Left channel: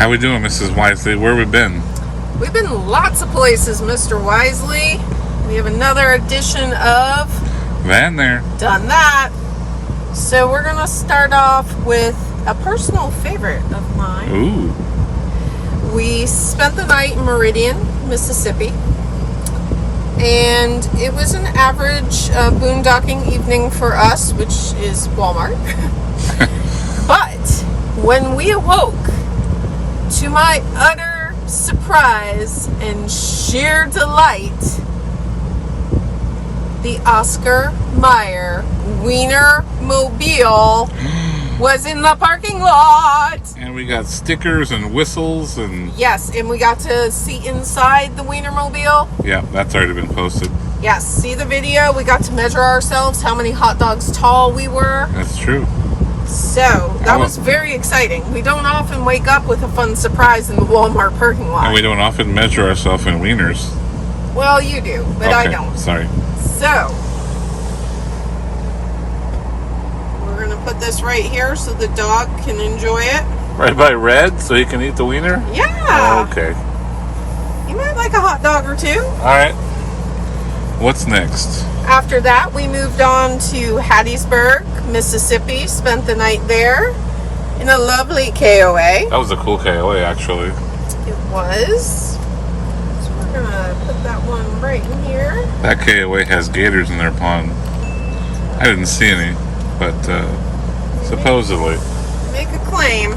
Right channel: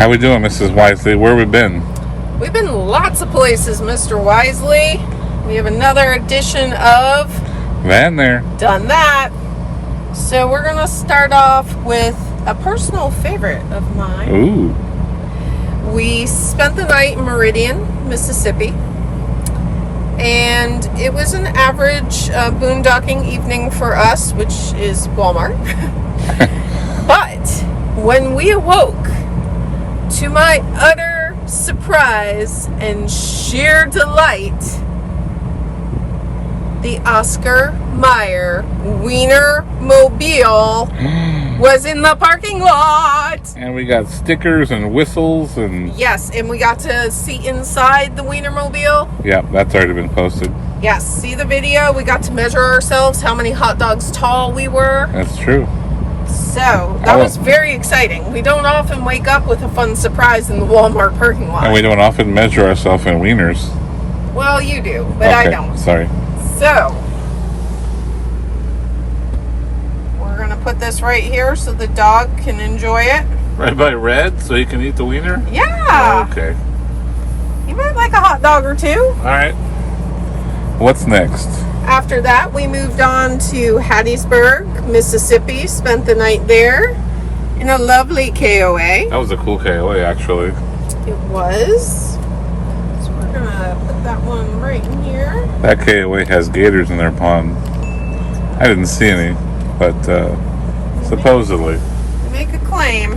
How we doing, Mrs. Wisely? Where we been? We've been lots of places, Mr. Wisely. We have another edition of Van there. Done That. So we're going to start off with a personal favorite of mine. Ooh. We spent the night in Meridian, Mississippi. And it was an average boondocking evening for us, which is Walmart. But when we awoke, to my utter surprise and sheer delight, the Oscar Mayer Wiener Mobile was in the parking lot. And we got stickers and whistles and... Yes, and we got to see inside the Wiener Mobile. Yeah, that's already been posted. Yes, see the video. We got to measure ourselves, how many hot dogs tall we were. That's true. So, that was very exciting. We don't often wake up with a fun surprise in the Walmart parking lot. And we don't often measure ourselves in wieners. Well, you do, but okay, I don't. Sorry. So, we're going to put this right here so the dog can enjoy it. Right by Red, so he can eat the wiener? Yeah. Oh, okay. You might like a hot dog or two. All right. What's next? After that, we moved on to Hattiesburg, Mississippi. Spent the night there in a lovely KOA. That was a cool KOA, actually. It was. So we're going to put that one right in here. That KOA has gators in their pond. I didn't see any, but supposedly. Make a claim.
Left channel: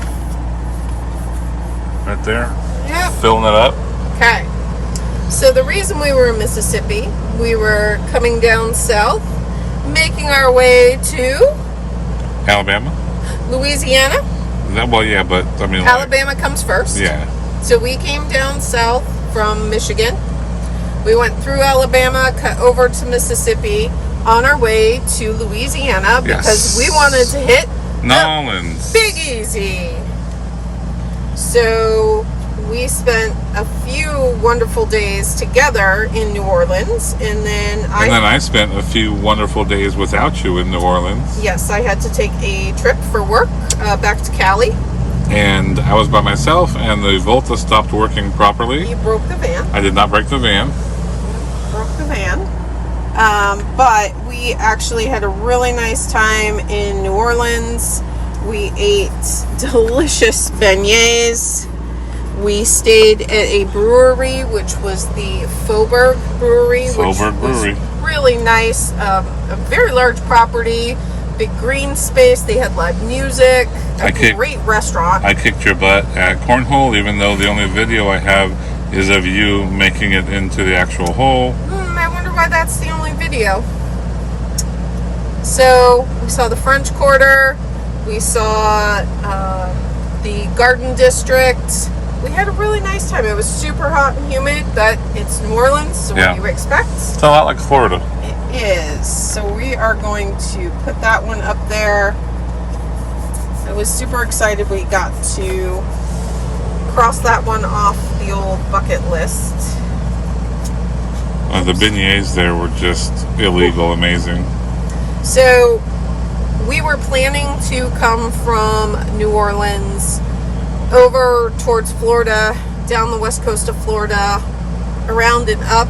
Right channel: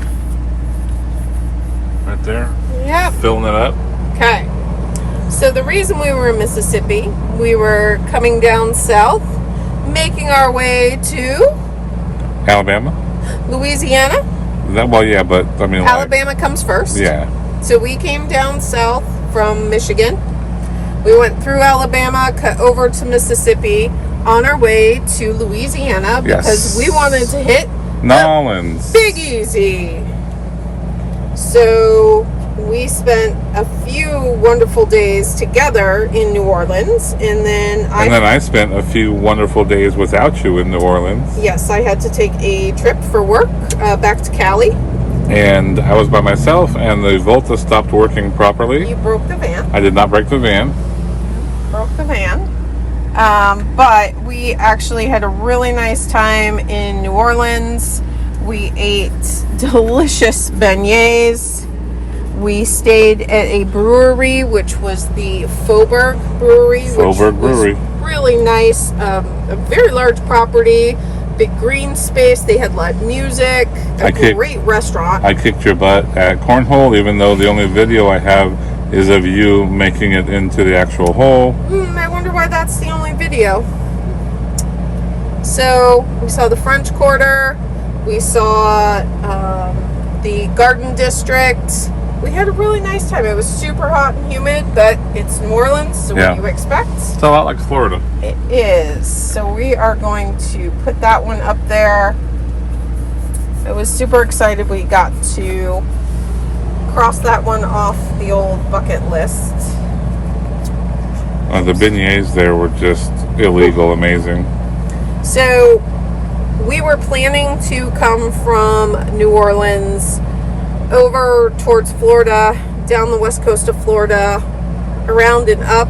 Right there? Yep. Filling it up. Okay. So the reason we were in Mississippi, we were coming down south, making our way to Alabama? Louisiana. Well, yeah, but I mean, Alabama comes first. Yeah. So we came down south from Michigan. We went through Alabama, cut over to Mississippi on our way to Louisiana because we wanted to hit Nolans. Big Easy. So we spent a few wonderful days together in New Orleans, and then I spent a few wonderful days without you in New Orleans. Yes, I had to take a trip for work back to Cali. And I was by myself, and the Volta stopped working properly. You broke the van. I did not break the van. Broke the van. But we actually had a really nice time in New Orleans. We ate delicious beignets. We stayed at a brewery, which was the Faubourg Brewery. Faubourg Brewery. Really nice. A very large property, big green space. They had live music. Great restaurant. I kicked your butt at Cornhole, even though the only video I have is of you making it into the actual hole. I wonder why that's the only video. So we saw the French Quarter. We saw the Garden District. We had a really nice time. It was super hot and humid, but it's New Orleans, so what do you expect? It's a lot like Florida. It is. So we are going to put that one up there. I was super excited we got to cross that one off the old bucket list. The beignets there were just illegal, amazing. So we were planning to come from New Orleans over towards Florida, down the west coast of Florida, around and up.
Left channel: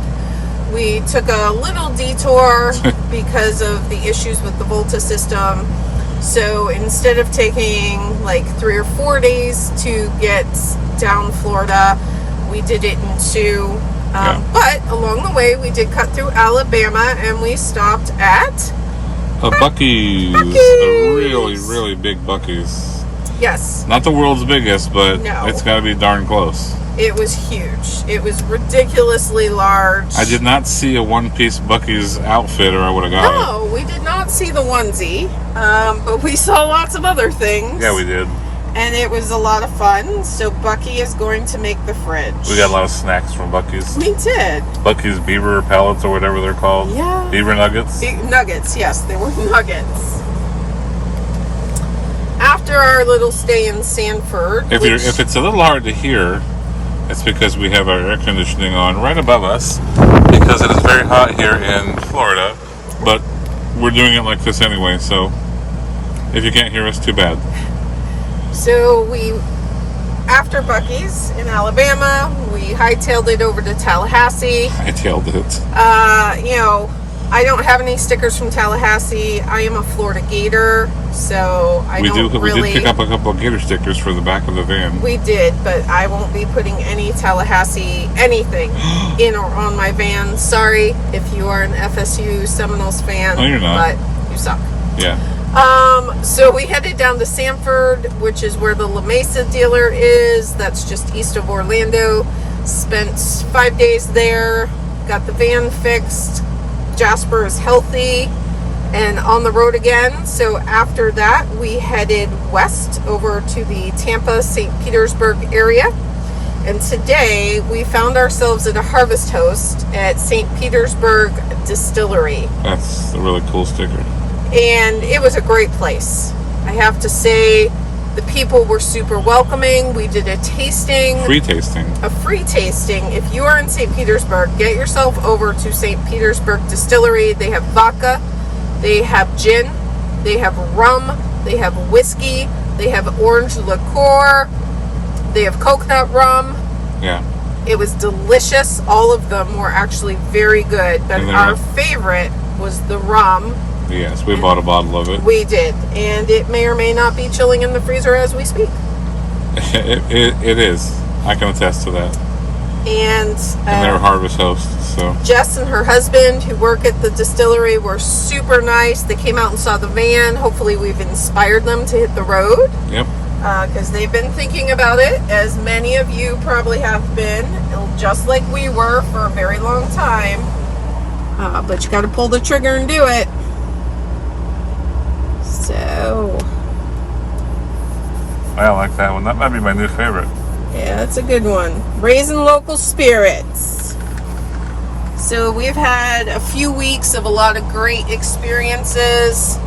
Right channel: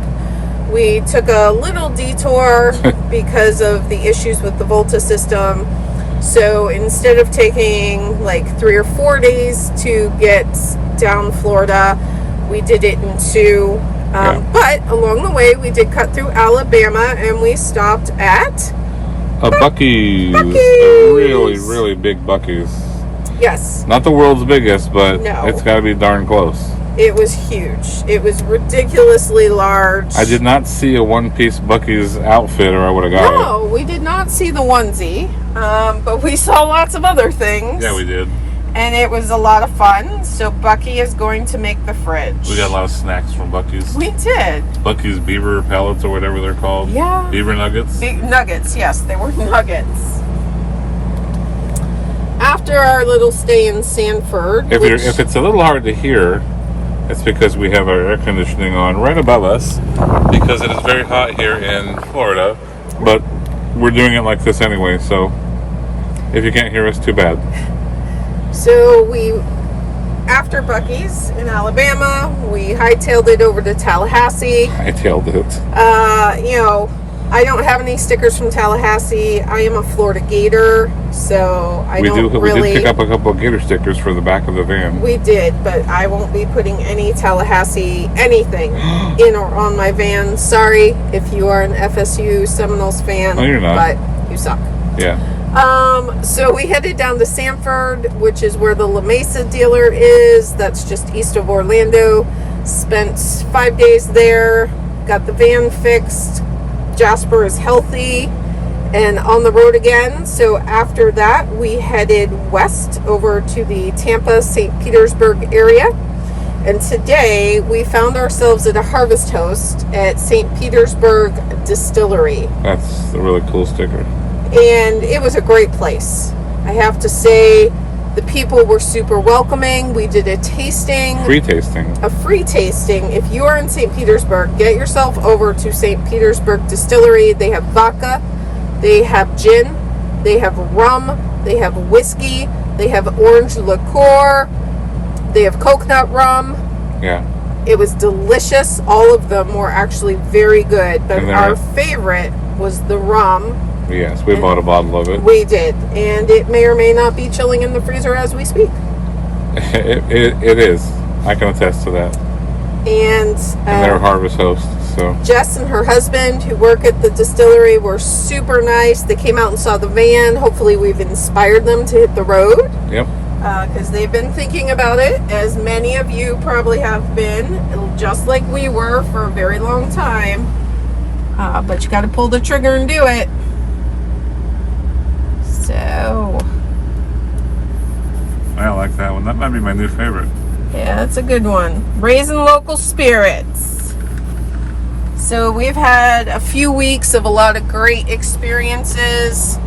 We took a little detour because of the issues with the Volta system. So instead of taking like 3 or 4 days to get down Florida, we did it in 2. But along the way, we did cut through Alabama, and we stopped at a Buc-ee's. A really, really big Buc-ee's. Yes. Not the world's biggest, but it's got to be darn close. It was huge. It was ridiculously large. I did not see a one-piece Buc-ee's outfit, or I would have got it. No, we did not see the onesie, but we saw lots of other things. Yeah, we did. And it was a lot of fun. So Buc-ee is going to make the fridge. We got a lot of snacks from Buc-ee's. We did. Buc-ee's beaver pellets, or whatever they're called. Yeah. Beaver nuggets. Nuggets, yes, they were nuggets. After our little stay in Sanford. If it's a little hard to hear, it's because we have our air conditioning on right above us, because it is very hot here in Florida, but we're doing it like this anyway, so if you can't hear us, too bad. So we after Buc-ee's in Alabama, we hightailed it over to Tallahassee. Hightailed it. You know, I don't have any stickers from Tallahassee. I am a Florida Gator, so We did pick up a couple of Gator stickers for the back of the van. We did, but I won't be putting any Tallahassee anything in or on my van. Sorry if you are an FSU Seminoles fan. No, you're not. But you suck. Yeah. So we headed down to Sanford, which is where the La Mesa dealer is. That's just east of Orlando. Spent 5 days there. Got the van fixed. Jasper is healthy and on the road again. So after that, we headed west over to the Tampa, St. Petersburg area. And today we found ourselves at a harvest host at St. Petersburg Distillery. That's a really cool sticker. And it was a great place. I have to say, the people were super welcoming. We did a tasting. Free tasting. A free tasting. If you are in St. Petersburg, get yourself over to St. Petersburg Distillery. They have vodka, they have gin, they have rum, they have whiskey, they have orange liqueur, they have coconut rum. Yeah. It was delicious. All of them were actually very good. But our favorite was the rum. Yes, we bought a bottle of it. We did. And it may or may not be chilling in the freezer as we speak. It is. I can attest to that. And they're harvest hosts, so. Jess and her husband, who work at the distillery, were super nice. They came out and saw the van. Hopefully we've inspired them to hit the road. Yep. Because they've been thinking about it, as many of you probably have been, just like we were for a very long time. But you got to pull the trigger and do it. So, I like that one. That might be my new favorite. yeah, that's a good one. Raising local spirits. So we've had a few weeks of a lot of great experiences.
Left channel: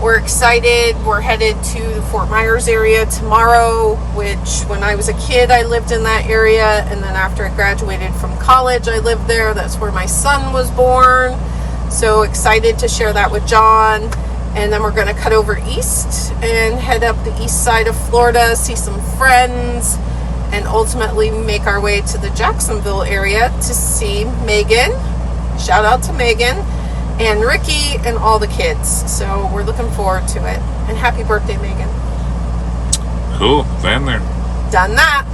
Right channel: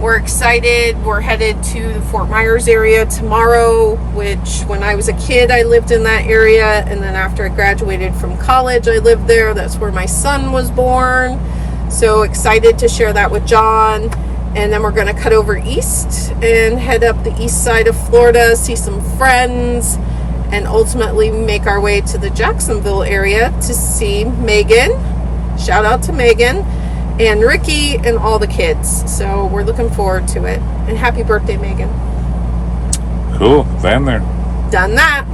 We're excited. We're headed to the Fort Myers area tomorrow, which when I was a kid, I lived in that area. And then after I graduated from college, I lived there. That's where my son was born. So excited to share that with John. And then we're going to cut over east and head up the east side of Florida, see some friends, and ultimately make our way to the Jacksonville area to see Megan. Shout out to Megan and Ricky and all the kids. So we're looking forward to it. And happy birthday, Megan. Cool. Van there. Done that.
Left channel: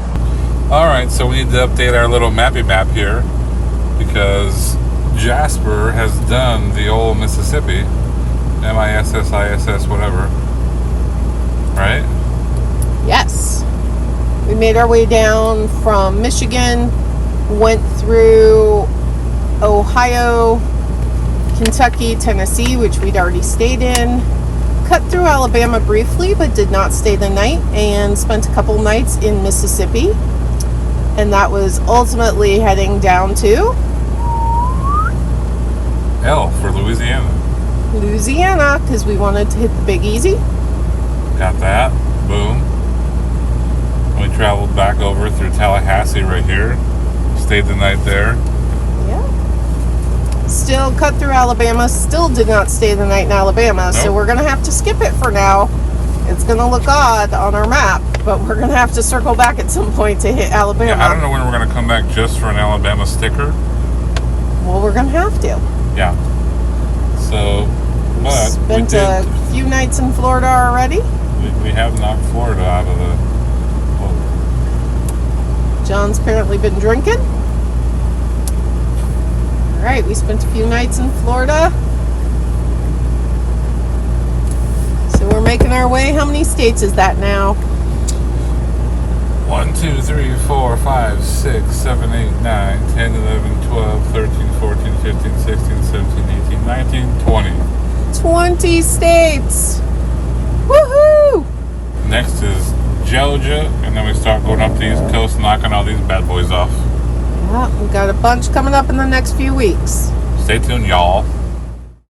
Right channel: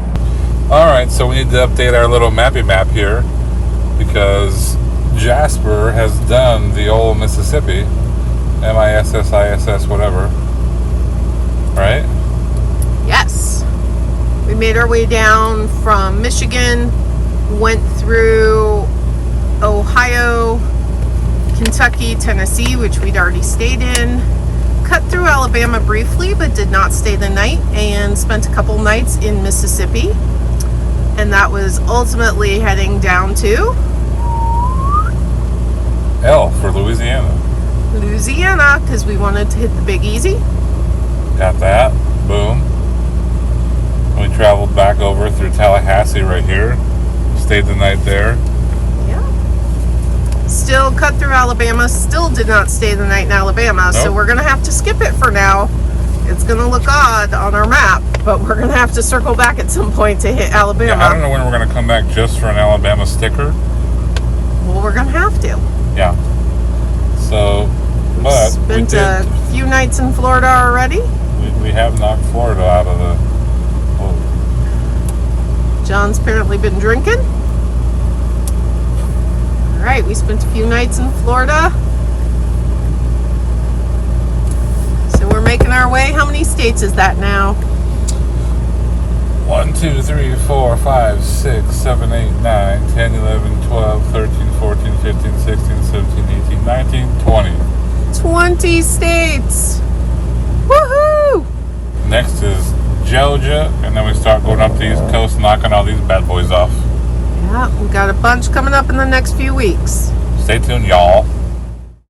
All right, so we need to update our little mappy map here because Jasper has done the old Mississippi. MISSISS, whatever. Right? Yes. We made our way down from Michigan, went through Ohio, Kentucky, Tennessee, which we'd already stayed in, cut through Alabama briefly, but did not stay the night, and spent a couple nights in Mississippi. And that was ultimately heading down to L for Louisiana, because we wanted to hit the Big Easy. Got that. Boom. We traveled back over through Tallahassee right here. Stayed the night there. Yeah. Still cut through Alabama. Still did not stay the night in Alabama. Nope. So we're going to have to skip it for now. It's going to look odd on our map, but we're going to have to circle back at some point to hit Alabama. Yeah, I don't know when we're going to come back just for an Alabama sticker. Well, we're going to have to. Yeah. So, but Spent a few nights in Florida already. We have knocked Florida out of the hole. John's apparently been drinking. All right, we spent a few nights in Florida. So we're making our way. How many states is that now? 1, 2, 3, 4, 5, 6, 7, 8, 9, 10, 11, 12, 13, 14, 15, 16, 17, 18, 19, 20. 20 states. Woohoo! Next is Georgia, and then we start going up the East Coast, knocking all these bad boys off. Yeah, we got a bunch coming up in the next few weeks. Stay tuned, y'all.